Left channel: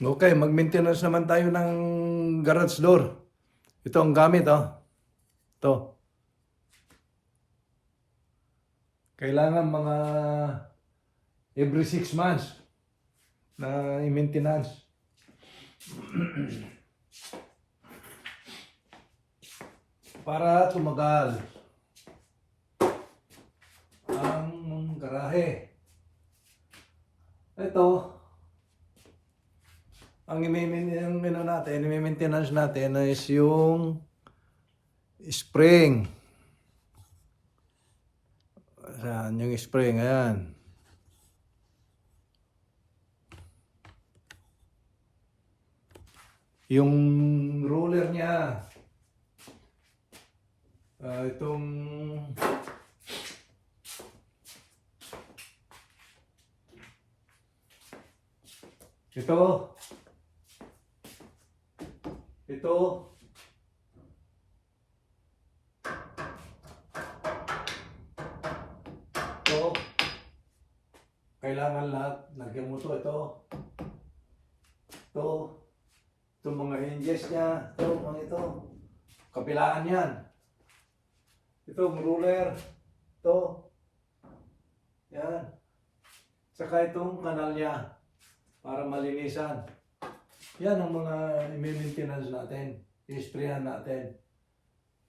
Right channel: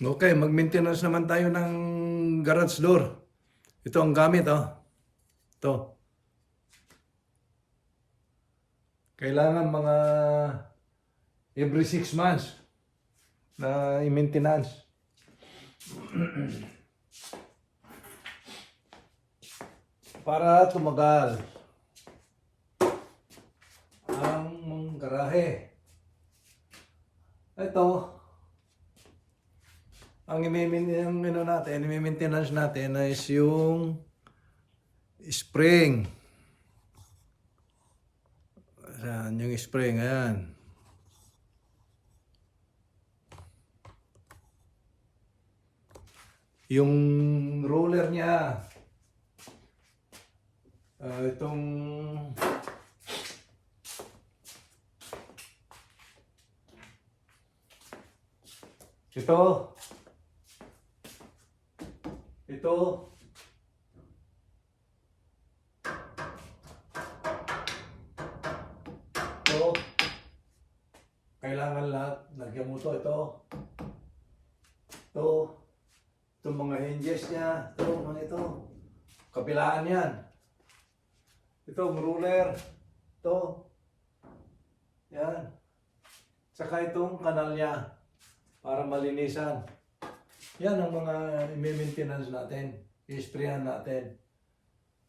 Okay, mag-maintenance naman tayo ng garage door. Ito ang gamit, oh. Ito. Kailangan mga every 6 months na i-maintenance. Para tumagal ang garahe. Ito, ang i-maintenance natin is yung spring. Ayan, yung spring, ayan. Yung roller niya, itong ito, kailangan lahat, lagyan mo ito, itong mga hinges niya, ito, kabilaan yan, ito, ruler, yan, saka itong kanal niya, para malinisan. Yan ang mga i-maintenance natin, i-sprayan natin,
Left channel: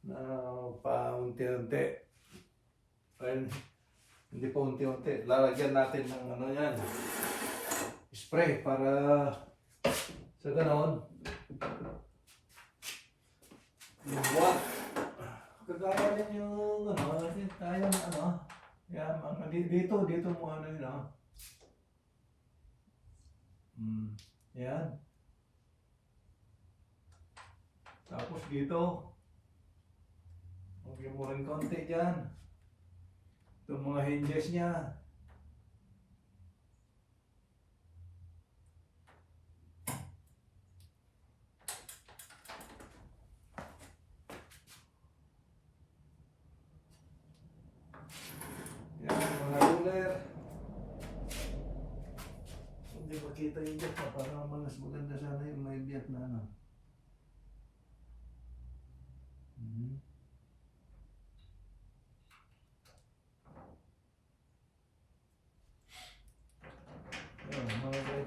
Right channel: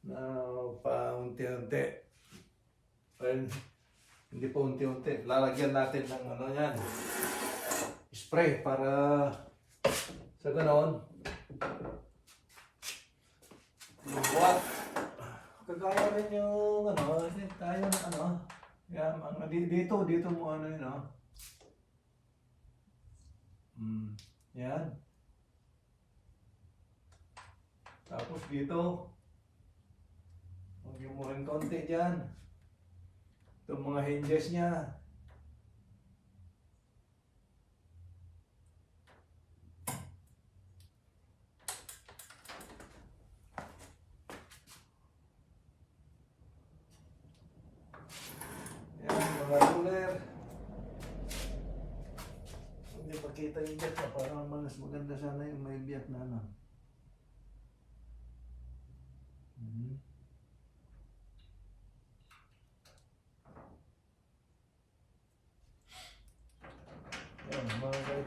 na paunti-unti. Hindi pa unti-unti. Lalagyan natin ng ano yan, spray para sa ganon. What? Kagaya rin yung ano, tayo na ano. Yan, dito mo ano yun, no? Yan. Tapos dito, magyan mo rin konti dyan. Itong mga hinges niya. Yan, mga ruler. Hindi makita yung biyak na parang mas maganda sana yung may biyak na ano.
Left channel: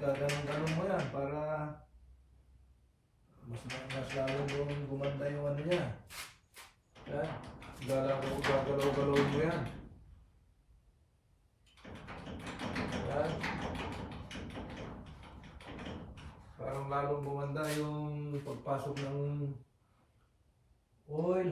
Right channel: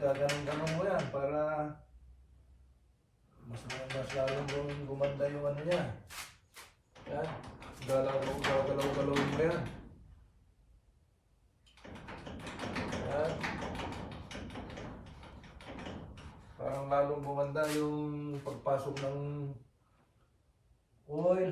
Ganun mo yan para mas lalong gumanda yung ano niya. Yan. Gagalaw mo yan. Yan. Parang lalong gumanda yung pagpasok ng oil.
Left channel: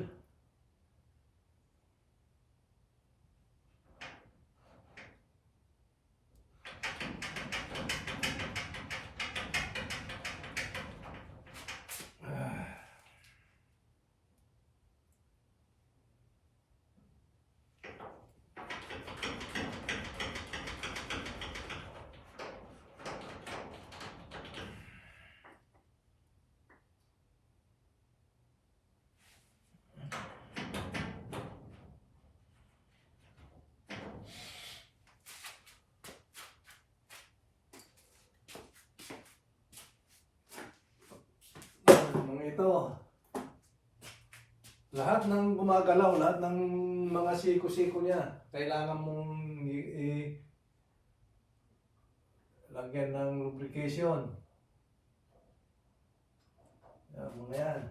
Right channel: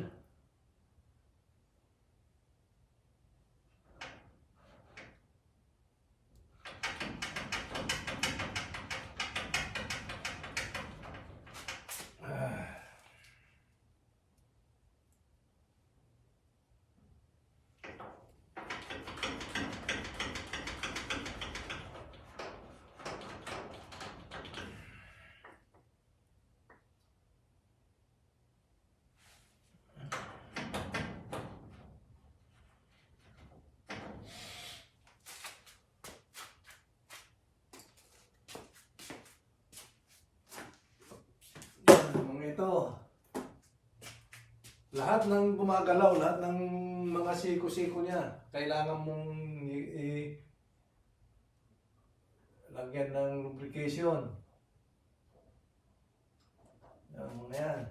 Ito, lahat ng gumagalaw, lahat ng mga siko-siko niya, kailangan mong lagyan ng lubrication. Yan, mga yan.